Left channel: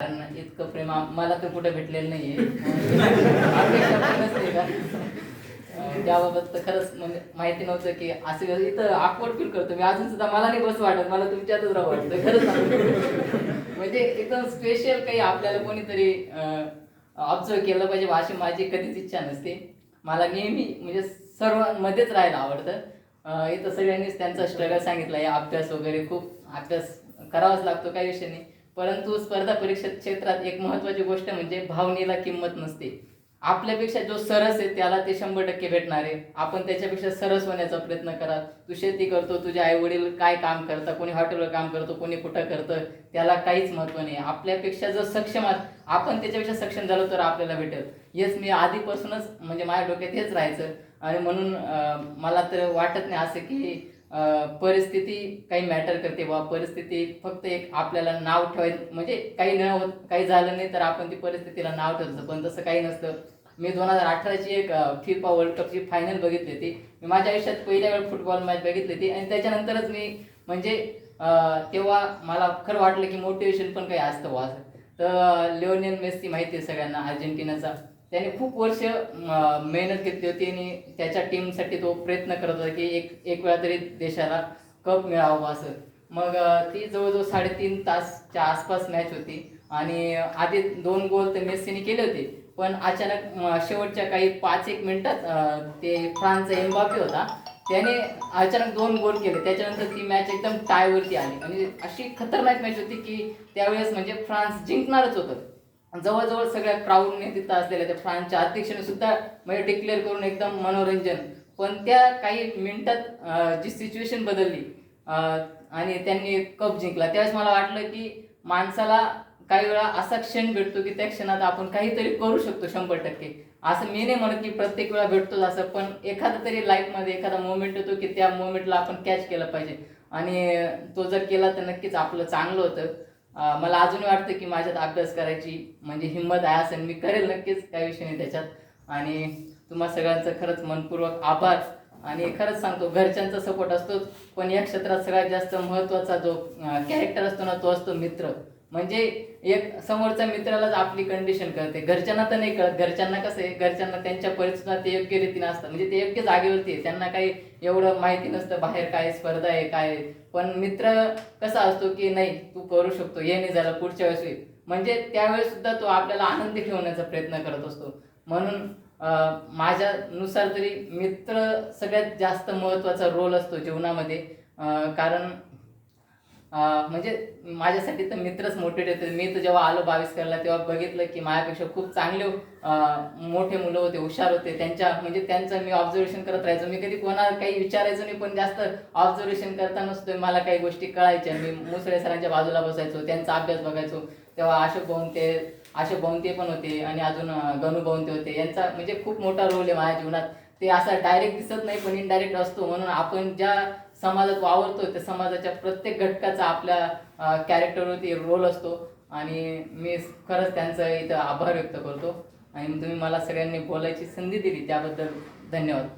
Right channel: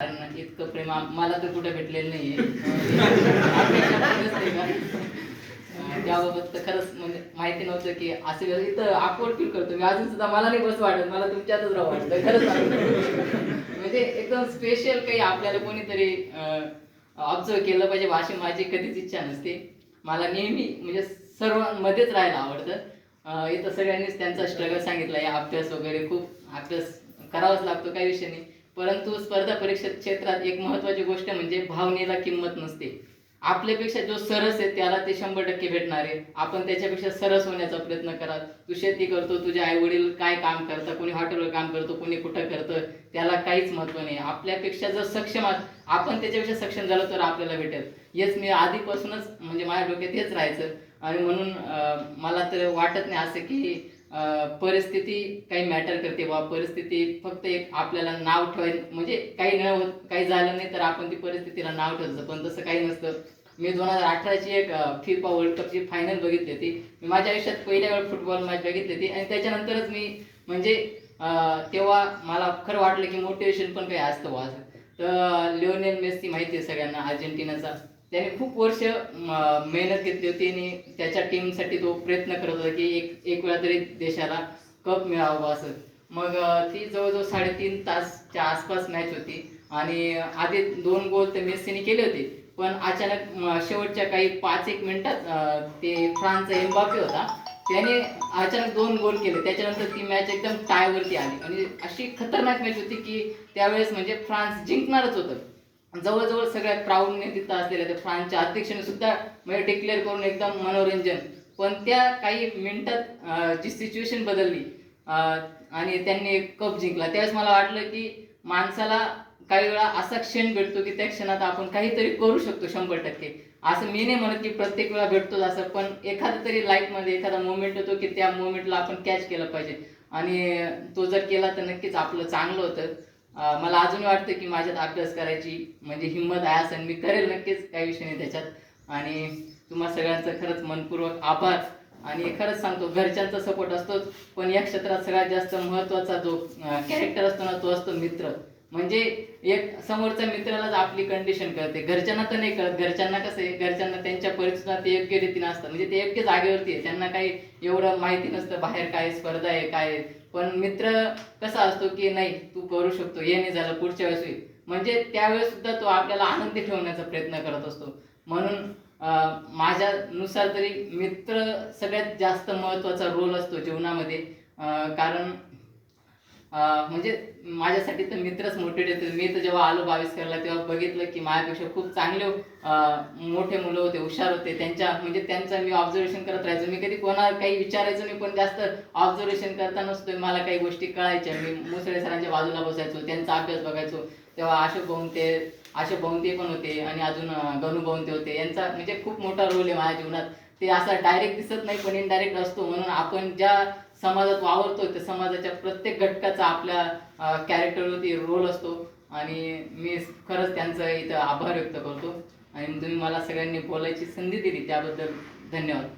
कारण इतकं प्रेम मला तर कुठं भेटलेलं नाहीये. नसते का? त्याबाबत तर खरंच म्हणजे माहिती नव्हतं की असं इथं ऑकवर्ड फील करतो मी अजून सुद्धा. मला नाही बस वाटत, मला तुमच्यातच राहू वाटतं खरंच म्हणजे एकदम स्पेशल काही आपल्याला कोणीतरी ऑब्झर्व केलं पाहिजे अशी माझी कधीच इच्छा नसते. मला नेहमी म्हणजे सर्वांमध्येच राहायला आवडतं. इथं सगळ्यांनीच त्यांचा स्ट्रगल सांगितला आहे. अभ्यास वगैरे खूप अभ्यास करावाच लागतो, काही विषय नाही. परंतु स्पर्धा परीक्षा क्षेत्रात एक महत्त्वाची गोष्ट म्हणजे भावनेला किंमत नसते. आपल्यापेक्षा जो सरस आहे त्याला ते 100% भेटणार आहे. आपण त्याच्यापेक्षा सरस होण्याचा प्रयत्न करा. तू शेती करतो, तुझे आई वडील काय काम करतात, कोणी हॉटेलवर काम करतो, कोणी कुठं करतं, त्याला काहीच महत्त्व नाही. आपल्यापेक्षा जर सक्षम आपण त्याच्यापेक्षा सक्षम झालो तर आपल्याला भेटेल. हेच मी आधीपासूनच म्हणजे माझ्या डोक्यात हेच राहायचं. आणि म्हणून मला तर वाटत नाही असं की परिस्थिती काही मॅटर करते बा. परिस्थिती फक्त एक आपल्याला नाव ठेवायचं म्हणजे काही न होत, काही झालं नाही तर आपण ती परिस्थितीला नाव ठेवतो, पण तसं काही नसतं. मी 2018ची एक फिफा वर्ल्ड कपची फायनल बघितली होती. मी माझ्या आयुष्यात पहिल्या वेळ फुटबॉल मॅच बघितली होती आणि त्याच्यानंतरच मी म्हणजे तेव्हा मला खरं वाटलं की मोटिवेशन पण काही असतं बा असं. तर लिओनेल मेस्सी माहिती आहे सगळ्यांना, अर्जेंटिनाचा. त्याने खूप वर्ष मेहनत घेतली होती आणि त्याच्या टीमसाठी तो प्रयत्न करत होता की एक वेळा तरी देशाला कप मिळावं असं. मग ती जवळजवळ 3.5 तासच्या आसपास मॅच होती आणि आधी 2 गोल तर मेस्सीने केले होते. पण अचानक शेवटच्या काही 5-1 मिनिटात ते फ्रान्सचा एम्बाप्पे होता, त्याने अचानक 2 गोल केले. त्याच्यानंतर ती मॅच एकदम टायवरती आली आणि अशी खतरनाक मॅच होती की त्यावेळेस म्हणजे फ्रान्स जिंकणारच होतं. जवळजवळ सगळ्या क्राऊडने तिथं असलेल्या त्या फ्रान्सच्या अध्यक्षाने सुद्धा म्हणजे डिक्लेअर करून एकदम मनोरंजन. पण त्या काही मिनिटात जी सिच्युएशन बदलली आणि त्यांनी कप जिंकला, त्यावेळेस मला वाटलं की माणसाला काही वेळा असा क्षण भेटतो की त्या क्षणात आपण काहीतरी करू शकतो 100%. असं मी नाही म्हणत की प्रत्येक वेळा भेटतोच असं, पण एखादा तरी लाईफमध्ये एखादा मोमेंट होतो की त्या मोमेंटला आपण कॅच केलं पाहिजे आणि तो जर केला तर नक्कीच आपलं चांगलं होतं. मला अजून वाटतं की माझ्यात अभ्यास करायची म्हणजे हिंमत आहे असं मी करेल नक्कीच, काही विषय नाही त्याच्यात. आणि तुम्हा सगळ्यांचं खरंच मनपूर्वक आभार. आणि खरंच सांगतो घरच्यांचा सपोर्ट असतोच, पण या क्षेत्रात सगळ्यात जास्त महत्त्वाचा जो कॅरेक्टर असतो ना तो असतो मित्र. म्हणजे एक समोरच्या मित्रालाच आपली कंडिशन कळते. घरच्यांना तर नाही कळत. घरच्यांना कसं आहे, घरच्यांना त्यांच्या परिस्थितीत ते योग्य रीतीने असतात, म्हणजे ते योग्य जागेवरती आहे, त्यांना काही एवढं माहिती नसतं बाहेर काय स्पर्धा आहे काय आहे. पण मित्र कसा असतो की नाही तू करू शकतो, हे नाही झालं पुढच्या वेळेस होईल, म्हणजे त्यावेळेस सुद्धा तो आपल्याला आनंदी ठेवण्याचा प्रयत्न करत असतो. म्हणून माझ्यानुसार तरी मित्र सगळ्यात जास्त महत्त्वाचा रोल असतो जीवनामध्ये. कारण म्हणजे माझ्यासाठी तर मित्रच मोटिवेट होते. मी तर जेव्हा आलो 22 करायला तेव्हा बघितलं की माझ्यापेक्षा खूप चांगले मोठे मुलं होते, हुशार होते. त्यांचं मी ऑब्झर्वेशन करत राहायचो. मी कधी कोणाला काही विचारायचो नाही, पण जास्त ऑब्झर्वेशन करताना सुद्धा मला काही गोष्टी कळायच्या. मी मुसळे सरांच्या बाजूला बसायचो, त्यांचा अभ्यास बघायचो. तेव्हा अशोक भाऊंते पण होते आणि अजून गणू भाऊंते होते. यांचा म्हणजे खूप मोठा रोल आहे माझ्या जीवनात. ते असं डायरेक्ट दिसत नाही पण इनडायरेक्ट असतो. म्हणून आपण ज्या समाजात वावरतो त्या समाजाच्या प्रत्येक घटकाचा आपल्या कॅरेक्टरवरती रोल असतो. आणि मी खरंच त्यांचा इथं आभार व्यक्त करतो. आणि तुम्ही मला सगळ्यांनी बोलायची संधी दिली त्याबद्दल धन्यवाद.